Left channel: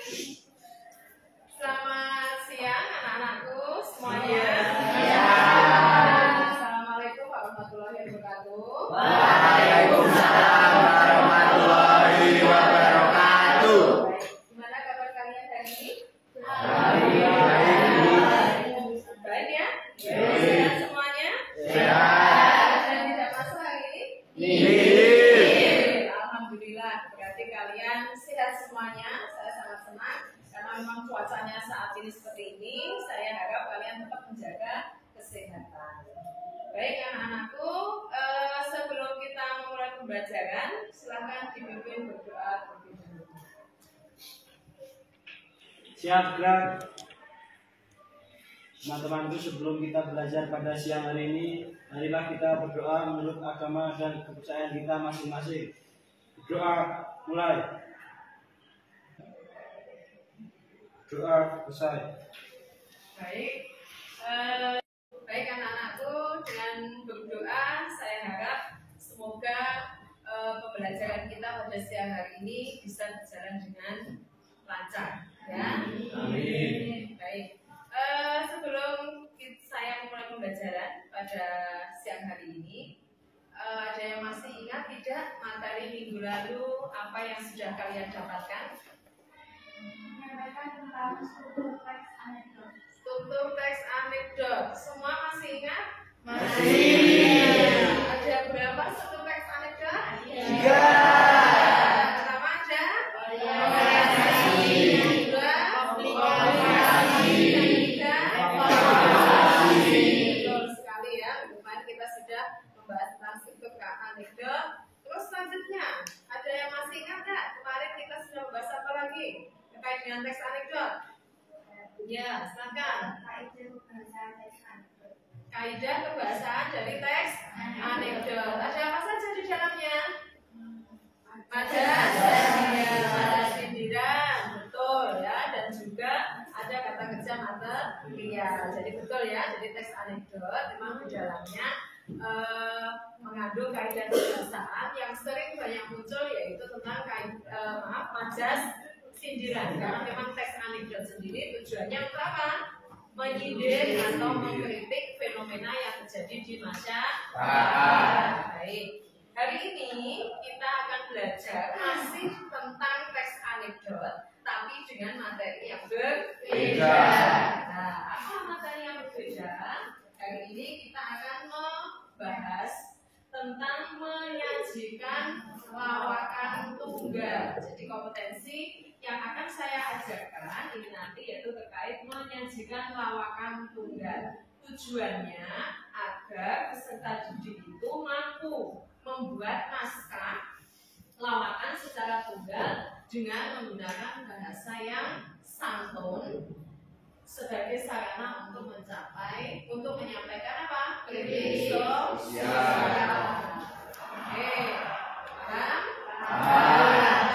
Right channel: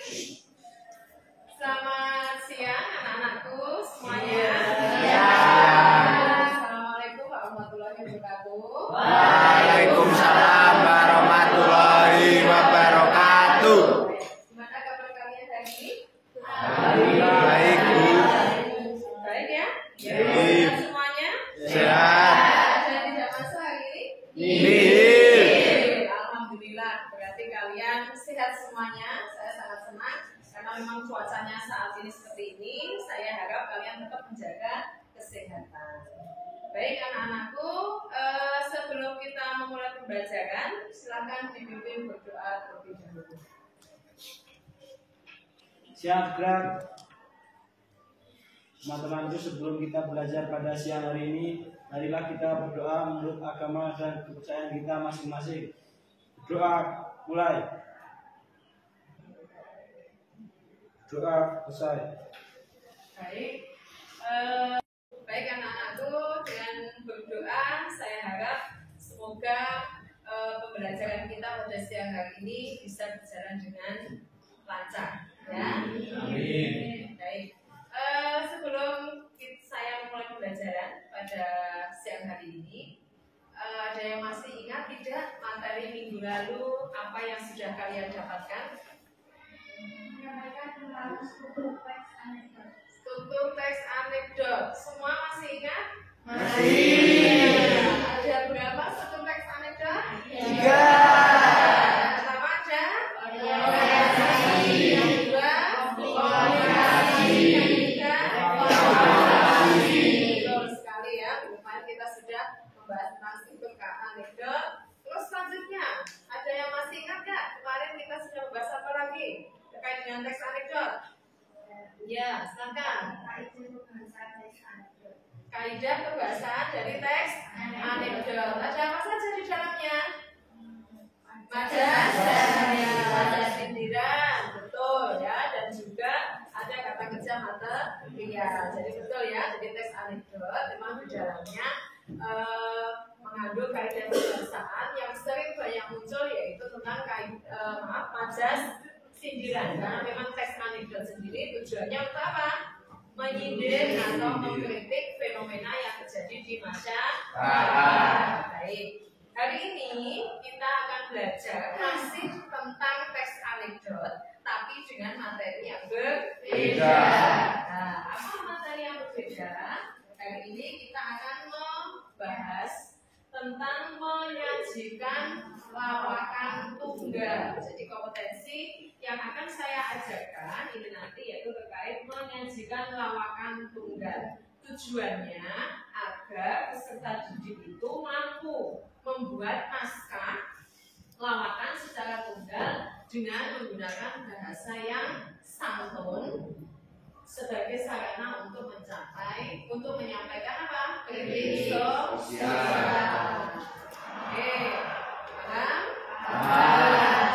Selamat siang anak-anakku semuanya. Assalamualaikum warahmatullahi wabarakatuh. Waalaikumsalam warahmatullahi wabarakatuh. Gimana kabar kalian hari ini? Baik, Bu. Baik ya? Baik. Sehat semuanya? Sehat. Ada yang tidak masuk hari ini? Iya. Alhamdulillah, berarti kalian sehat semuanya. Saya sangat senang karena memang cuacanya saat ini seperti ini. Saya harap kalian tetap menjaga kesehatan. Baik anak-anakku, sebelum kita memulai pembelajaran, silakan dipimpin berdoa terlebih dahulu. Siap, gerak. Teman-temanku, sebelum kita belajar pada siang hari ini, marilah kita berdoa menurut agama dan kepercayaan kita masing-masing. Berdoa mulai. Doa selesai. Baik, baik anak-anakku, dengan berdoa saya harap semoga pembelajaran kita pada siang hari ini bisa berjalan dengan lancar, ya. Amin. Baik, sebelum saya memulai pembelajaran pada siang hari ini, ada yang masih ingat tidak materi minggu lalu apa yang sudah kalian dapatkan? Menyampaikan tentang struktur teks anekdot. Struktur teks anekdot. Semua masih ingat? Masih. Ada berapa struktur teks anekdot? 3. Pertama ada Komunikasi. yang kedua komunikasi, yang ketiga Evaluasi. betul sekali ya. Kemarin kita sudah membahas tentang struktur anekdot. Terus selanjutnya ada yang masih ingat nggak? Kemarin kita sudah membahas apa lagi terkait dengan teks anekdot? Ya, silakan. Kaidah pembahasan teks anekdot. Kaidah kebahasaan dari teks anekdot. Ada apa saja di dalamnya? Majas, ya, majas sindiran, betul ya, dan juga ada kata kerja material. Jadi betul ya, jadi teks anekdot memang di dalamnya mengandung kaidah kebahasaan yang sering banyak muncul, yaitu tentang majas sindiran. Karena memang teks anekdot sendiri tujuannya untuk apa? Menyindir atau mengkritik fenomena yang terjadi di masyarakat. Baik. Hari ini kita akan belajar masih tentang teks anekdot, tapi dengan materi yang berbeda. Nah, apa materi yang berbeda? Hari ini kita akan membahas tentang menyajikan lawakan tunggal. Jadi kompetensi yang akan saya ajarkan ini nanti yaitu terkait menyajikan lawakan tunggal. Tujuannya agar peserta didik itu mampu membuat naskah lawakan secara tunggal dengan menggunakan bahasa yang santun sebagai sarana untuk menyampaikan apa? Kritik sosial. Oke, paham?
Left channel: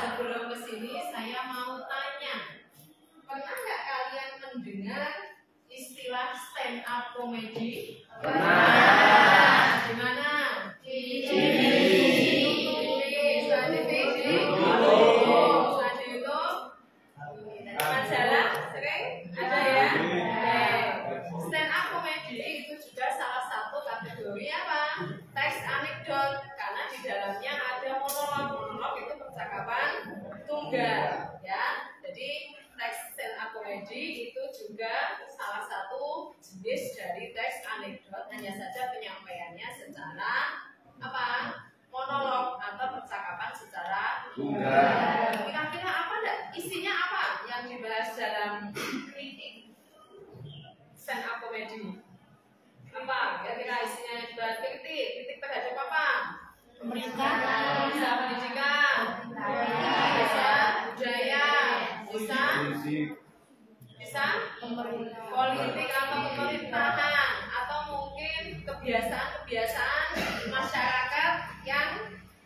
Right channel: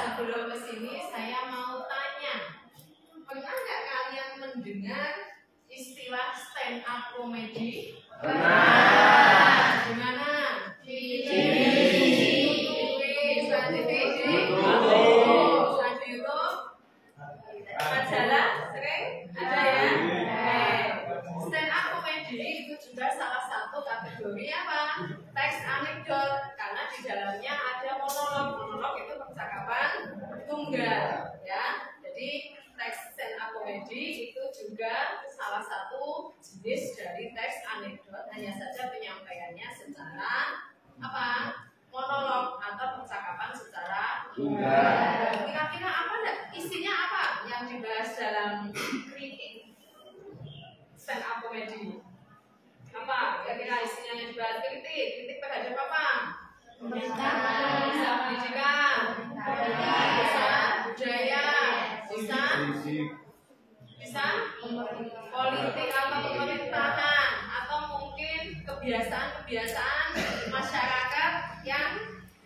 Sebelum ke sini saya mau tanya, pernah nggak kalian mendengar istilah stand up comedy? Pernah. Di mana? Di TV. Selain TV, di YouTube. selain di YouTube, majalah sering ada ya. Stand up comedy itu juga salah satu kategori apa? Teks anekdot, karena di dalamnya ada monolog. Monolog itu percakapan tunggal, ya. Jadi teks stand up comedy itu juga salah satu jenis dari teks anekdot, hanya saja penyampaiannya secara apa? Monolog atau percakapan secara tunggal. Kira-kira apa enggak? Isinya apa yang dibahas dalam kritik stand up comedy? Apa? Kira-kira isinya yang dibahas kritik? Kritik terhadap apa? Pemerintahan. Bisa pendidikan, bisa budaya, bisa politik atau pemerintahan, atau mungkin kebiasaan-kebiasaan masyarakat yang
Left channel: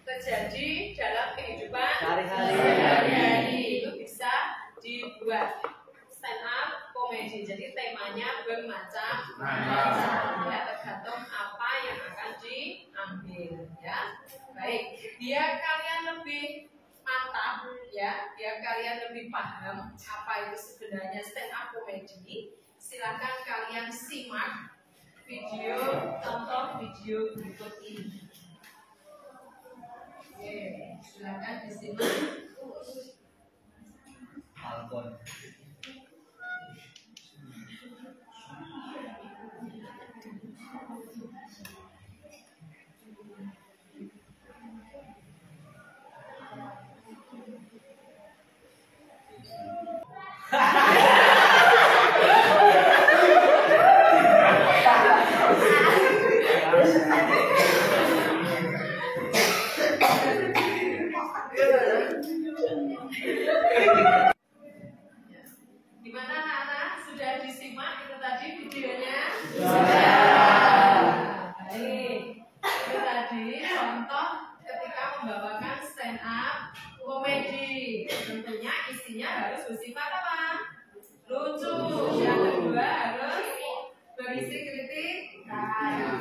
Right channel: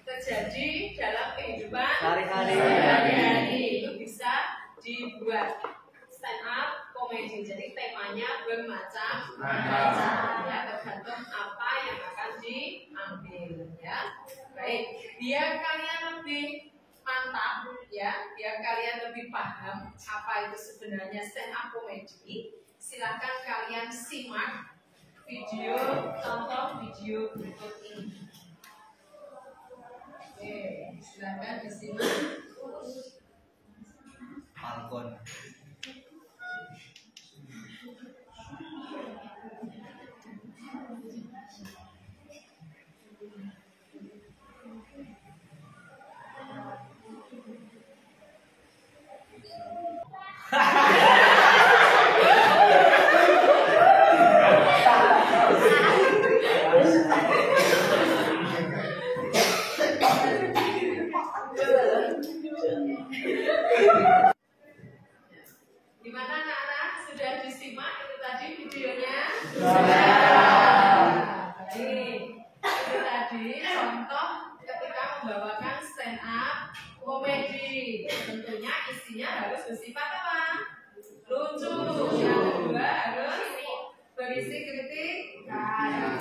terjadi dalam kehidupan sehari-hari. Itu bisa dibuat stand up comedy. Jadi temanya bermacam-macam ya, tergantung apa yang akan diambil ya. Baik, biar kalian lebih mantap ya, biar kalian lebih paham apa itu sebenarnya stand up comedy. Silakan kalian simak video, tonton video berikut ini. Oke, silakan disimak. Alkon. Gimana anak-anak? Sudah disimak itu tadi videonya? Baik. Itu tadi contoh ketika membawakan stand up komedi. Tentunya isinya harus bersifat apa? Lucu. Yang kedua harus berisi kritikan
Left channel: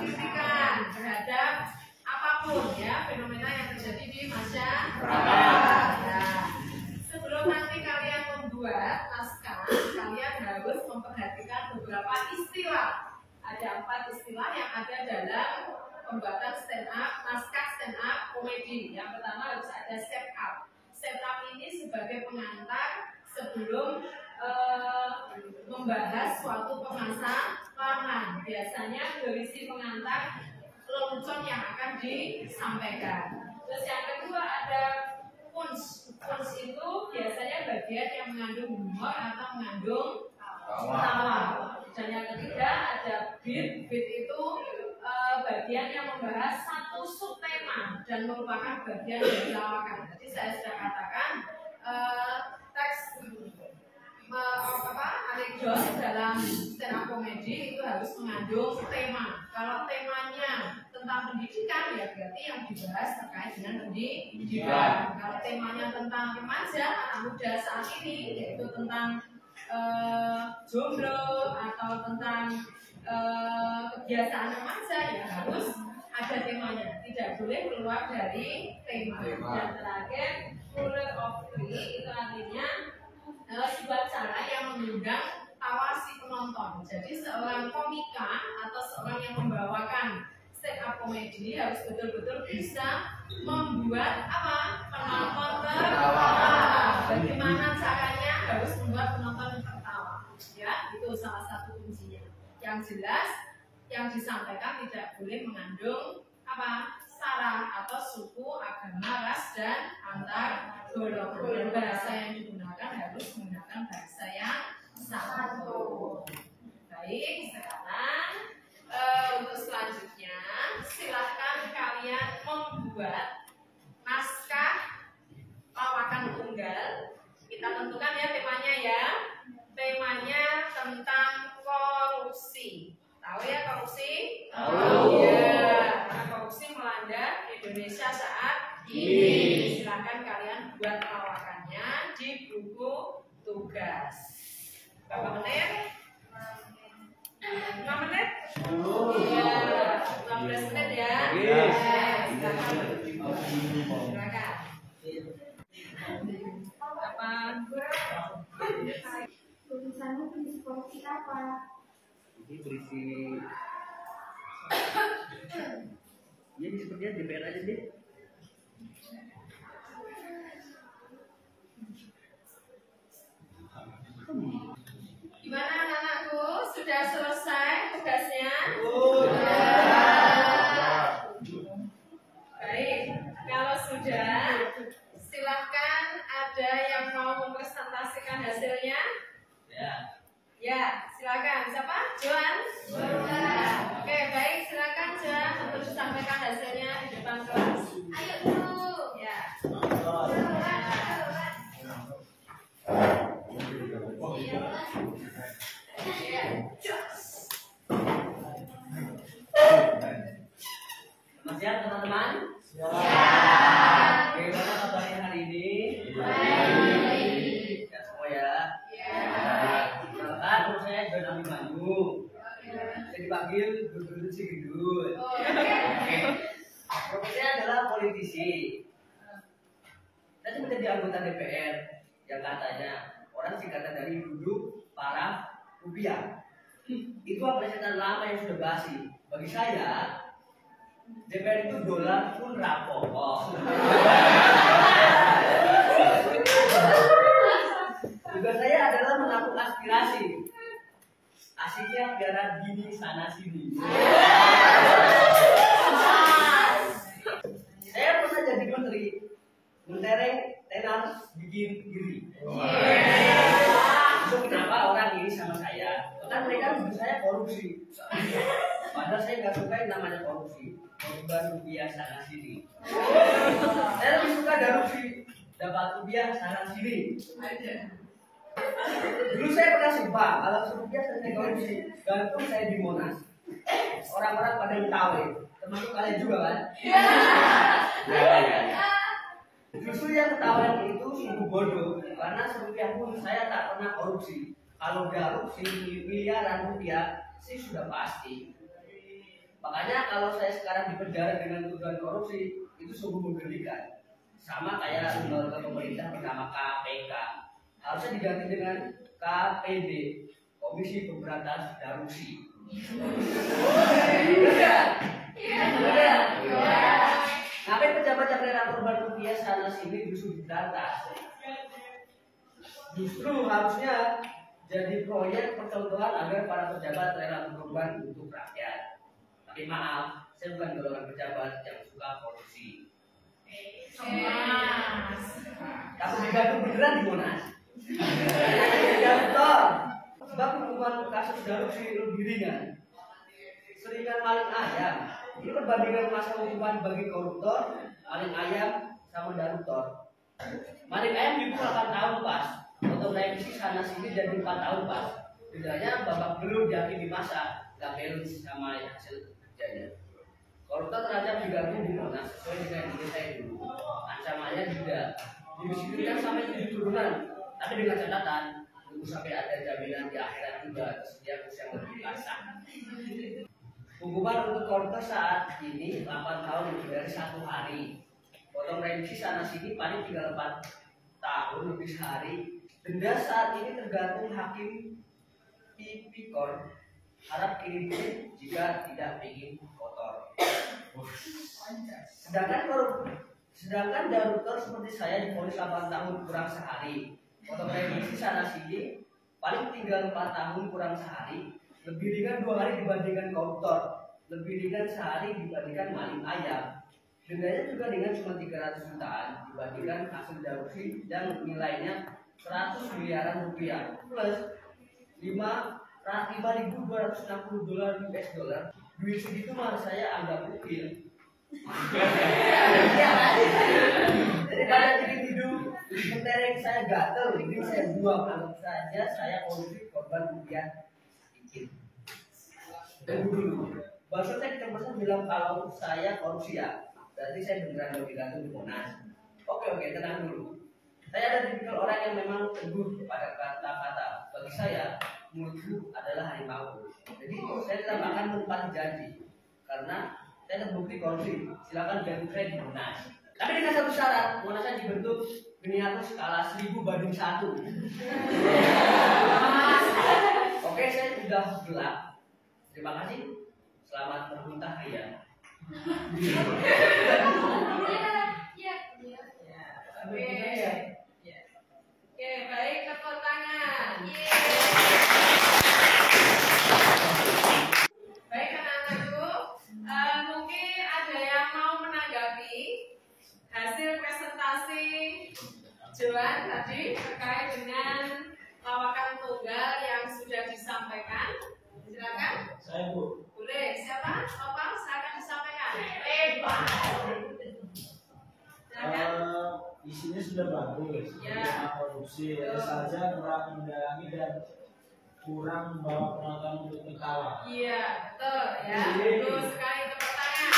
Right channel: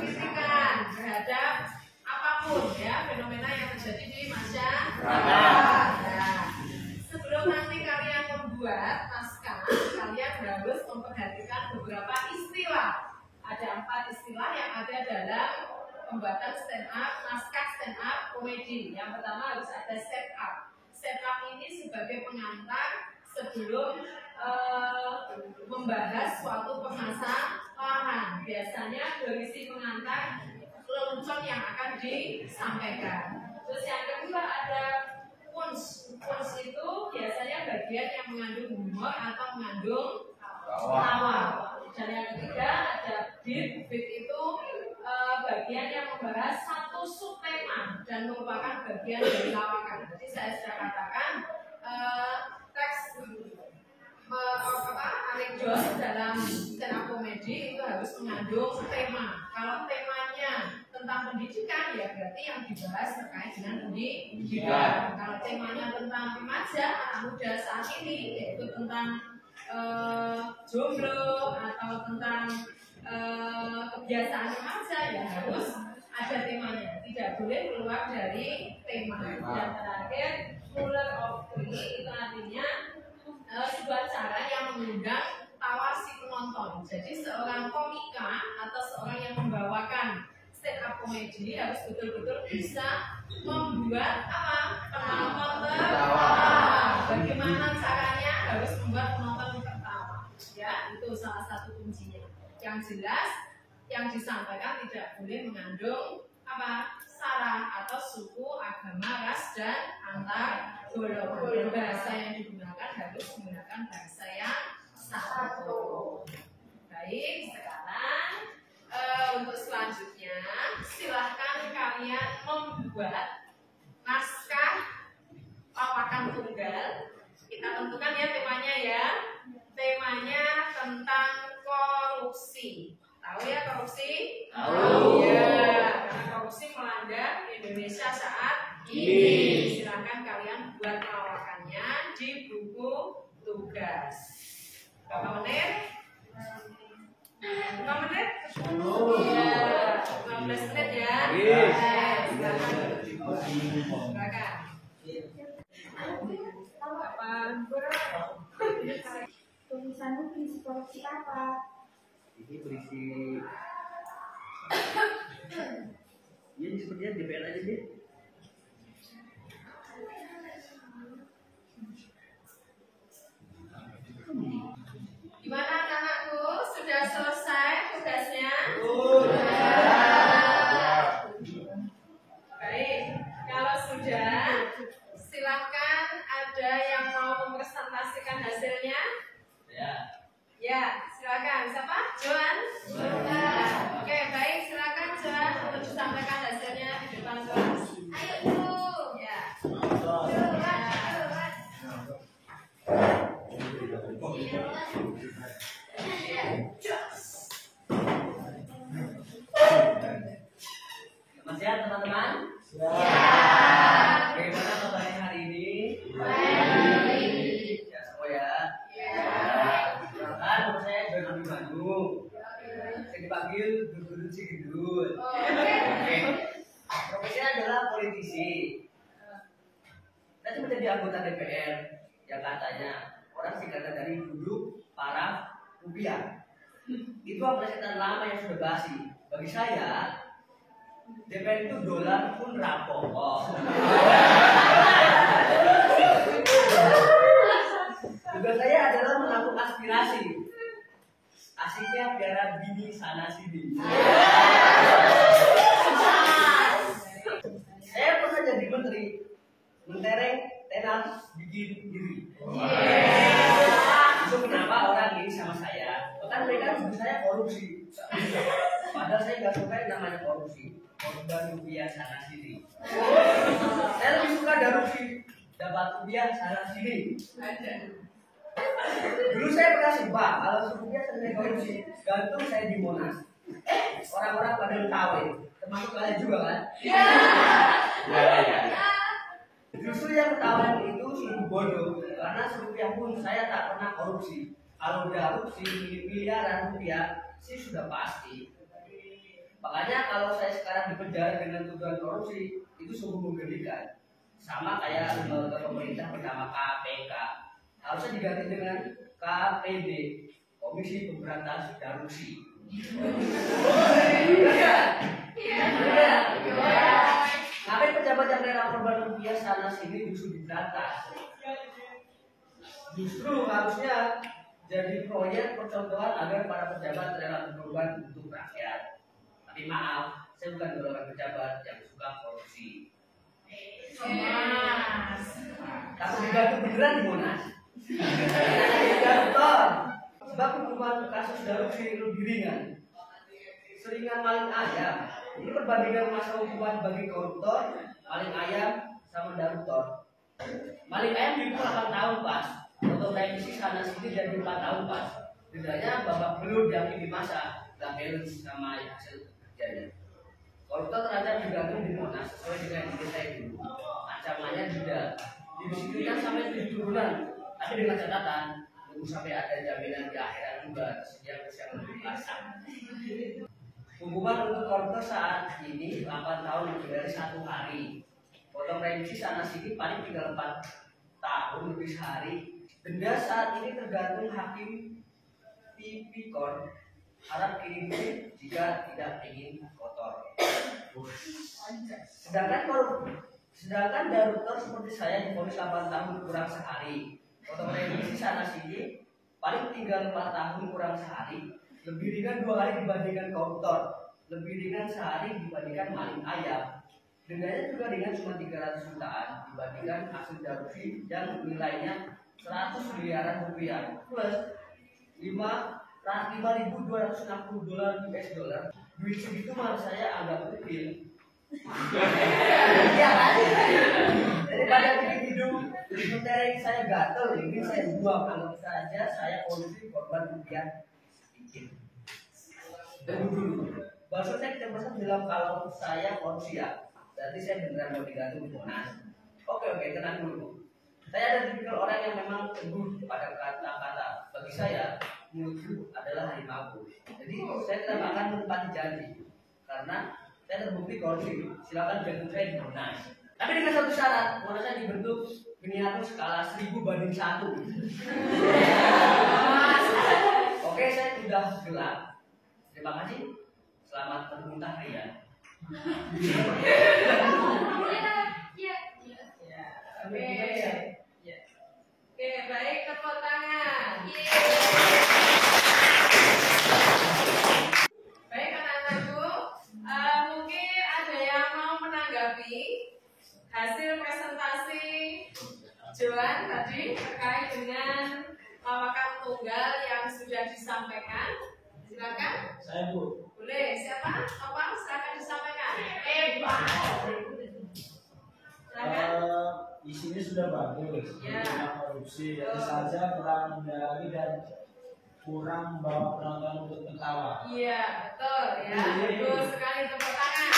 terhadap apapun ya fenomena yang terjadi di masyarakat. Nah, sebelum nanti kalian membuat naskah, kalian harus memperhatikan beberapa istilah. Ada 4 istilah yang ada dalam pembuatan stand up, naskah stand up komedi. Yang pertama harus ada set up. Set up ini sebagai pengantar sebelum membahas suatu permasalahan. Biasanya berisi pengantar lelucon yang akan disampaikan. Terus yang kedua ada punch. Punch itu biasanya bagian yang mengandung humor atau mengandung tawa. Dan yang ketiga ada beat. Beat itu bagian yang membahas satu subtema dan merupakan bagian dari lawakan. Jadi saya sudah katakan teks anekdot dalam stand up comedy itu harus mengandung tema. Kalau temanya tentang pendidikan ya berarti yang dibahas terkait dengan pendidikan. Kalau temanya tentang remaja anak muda saat ini yaitu tentang jomblo atau tentang kebiasaan remaja ya harus ada temanya. Tidak boleh keluar dari tema. Dan terakhir ruler of three itu artinya sebuah cara yang mengundang tawa si penonton. Jadi seorang komika atau seorang yang membawakan stand up comedy harus betul-betul bisa membuat apa? Penonton tertawa. Bagaimana caranya? Harus membuat penonton tertawa. Ya, itu salah satu kuncinya. Yang jelas yang disampaikan tidak boleh mengandung apa? Sara atau suku, agama, ras dan antar golongan. Bahasa yang digunakan harus menggunakan bahasa yang satu. Baik, sekarang untuk selanjutnya silahkan kalian membuat naskah lawakan tunggal. Kita tentukan ya temanya ya. Temanya tentang korupsi. Tahu ya korupsi? Tahu. Ya, karena korupsi melanda Indonesia saat ini. Silahkan kalian buat lawakannya di buku tugas. Berapa menit? 5 menit? Iya, 15 menit ya. Silakan. Silakan. Apa? Tulisanmu berisi korupsi apa? Ini berisi ya sepertinya DPR aja deh. Gimana anak-anakku? Sudah selesai tugasnya? Baik, kalau sudah, silahkan ada yang mau mempresentasikan hasilnya? Ya, silakan. Siapa? Joan? Oke, baik. Silakan Joan untuk disampaikan hasilnya di depan kelas. Ayo dulu. Ya. Sehat teman-teman? Bagaimana kabarnya hari ini? Baik. Ya semua ya. Ya. Perkenalkan, nama saya Saya menjadi anggota DPR yang katanya orang singkatan dari duduk para rupiah. Itu apresiasi lama yang sudah basi. Bagi saya, DPR itu dolar pun rapok. Tugas saya adalah menampung aspirasi. Asiknya biara bini sana sini. Saya pernah jadi menteri, mentereng tenar bikin diri. Itu kenapa orang ini sama saya? Bahkan mereka nuduh saya korupsi. Padahal saya nggak suka yang namanya korupsi. Korban rupiah sana sini. Saya lebih suka korupsi, dapat rupiah sana sini. Dulu saya pernah sumpah kalau rupiah selesai korupsi, gantung saya di Monas. Orang-orang pada ketawa, termasuk kalian juga kan? Justru yang ketahuan itu sungguh bodoh, karena serupiah pun saya tak pernah korupsi. Kalau korupsi miliaran rupiah sih sudah pasti. Makanya kalau saya sekarang di penjara dengan tuduhan korupsi itu sungguh menggelikan. Sama kayak lembaga pemerintah bernama KPK, harusnya diganti dengan KPD, Komisi Pemberantasan Korupsi. Ngapain pejabat yang rela korban rupiah sana sini justru diberantas? Justru harusnya jadi proyek percontohan agar para pejabat rela berkorban untuk rakyat. Tapi maaf, saya bukan golongan pejabat yang suka korupsi. Tapi dibantu beneran di Monas. Sebab hukuman kasus korupsi lebih ringan. Seringan maling ayam. Ini perbandingan masa hukuman bagi koruptor, maling ayam, sama koruptor. Maling ayam dipukul 8 tahun pas. Untuk revisi sana sini jadi 4 tahun pas. Dendanya babak belur diakini masa, gak balance sama hasil kerjanya. Koruptor terancam digantung di Monas sesuai dengan ide saya dulu. Ancamannya denda, didisiplinkan sampai 7 turunan. Tapi dengan catatan, tunggu sampai ada jaminan di akhirat juga tersedia kursi yang lebih kasar. Hukuman untuk koruptor saat ini 8 tahun lebih dari 1 hari. Potong remisi sana sini paling tinggal 4 tahun lebih sehari. Denda saat ini tergantung hakim tipikor. Harap kirim duit jika tidak ingin kotor. Sedangkan koruptor seperti saya divonis 8 tahun kurang sehari. Potong remisi sana sini paling tinggal 4 tahun kurang sehari. Lebih ringan 2 hari dibandingkan koruptor. Lebih ringan sehari dibandingkan maling ayam. Dendanya juga ringan cuma 300 jutaan dibandingkan hasil korupsi yang nilainya 100 miliaran rupiah plus 5.260 dolar US dollar. Duit segitu malah saya anggap kecil. Iya kan? Daripada bikin hidup mentereng saya gatel, ini saya buang. Anggap saja saya korupsi korban rupiah sedikit. Tunggu dulu. Barusan saya kecepatan bilang kalau saya korupsi ya, berarti saya beneran mau digantung di Monas. Oke, tenang dulu. Saya ada tipikal orang yang memang teguh pada kata-kata. Bagi saya, mulutku adalah harimau. Jadi saya tidak akan menepati janji, karena saya terbukti korupsi. Silakan gantung saya di Monas. Tapi dengan satu syarat, Monasnya dibentuk miniatur skala 1000/1. Oke, saya sudah gelap. Terima kasih. Selamat bermuntah ya. Oke, baik, tepuk tangan. Baik anak-anakku, mungkin ada yang mau menanggapi hasil presentasi Joan tadi terkait dengan lawakan tunggal yang sudah disampaikan. Silakan. Saya Bu. Boleh, siapa? Apa? Silakan disampaikan. Silakan. Isinya sudah bagus, Ya. tentang korupsi, hanya saja kurang mendalami dan kurang membawa penonton untuk tertawa. Iya, betul ya. Bagus sekali, tepuk tangan.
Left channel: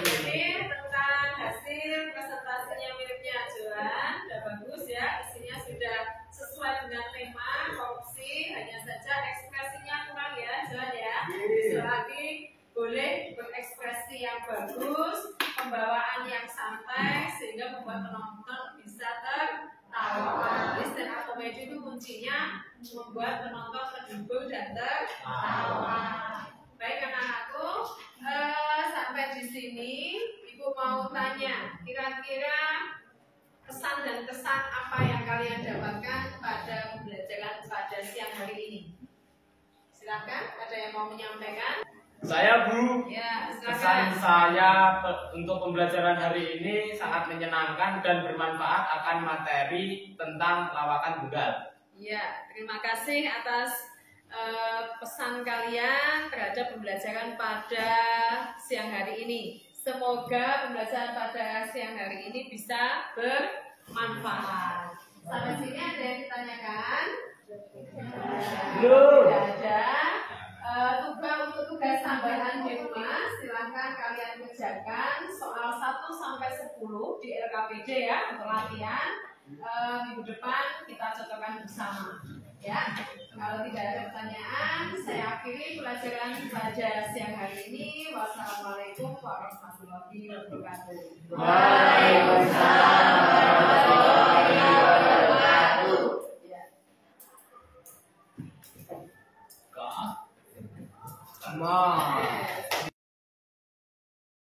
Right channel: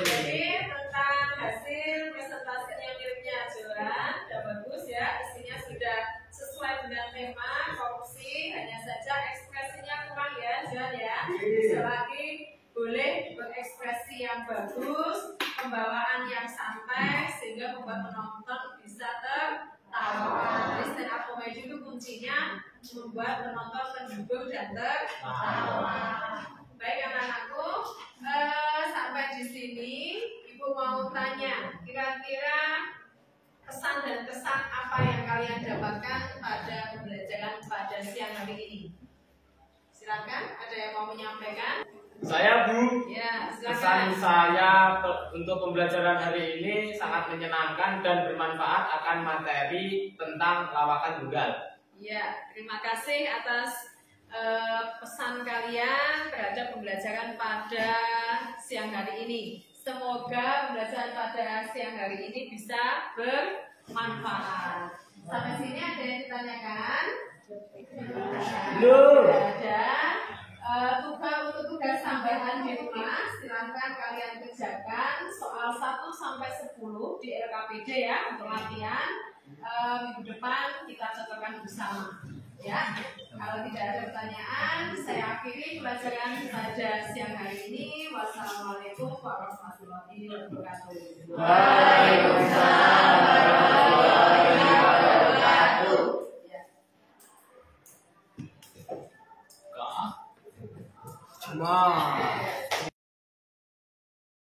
Jadi tentang hasil presentasinya miliknya Joan, sudah bagus ya. Isinya sudah sesuai dengan tema korupsi. Hanya saja ekspresinya kurang ya, Joan ya. Bisa lagi boleh berekspresi ekspresi yang bagus, pembawaan yang santai sehingga membuat penonton bisa tertawa. Jadi stand up comedy itu kuncinya membuat penonton terhibur dan tertawa. Baik anak-anakku, sampai di sini Ibu mau tanya, kira-kira pesan dan kesan apa yang kalian dapatkan pada pembelajaran pada siang hari ini? Silakan, ada yang mau menyampaikan? Saya Bu, Ya, kesan silakan. saya untuk pembelajaran hari ini sangat menyenangkan dan bermanfaat akan materi tentang lawakan tunggal. Ya, terima kasih atas pesan kalian terhadap pembelajaran pada siang hari ini. Semoga pembelajaran pada siang hari ini bisa bermanfaat. Sampai sini ada yang ditanyakan? Belum. Tidak ada. Tugas tambahan di rumah silahkan kalian kerjakan soal 1 sampai 10 di LKPD ya untuk latihan. Minggu depan kita cocokkan bersama ya. Kalau tidak ada pertanyaan, saya akhiri pelajaran pada siang hari ini. Wassalamualaikum warahmatullahi wabarakatuh. Waalaikumsalam warahmatullahi wabarakatuh. Ya. Cuma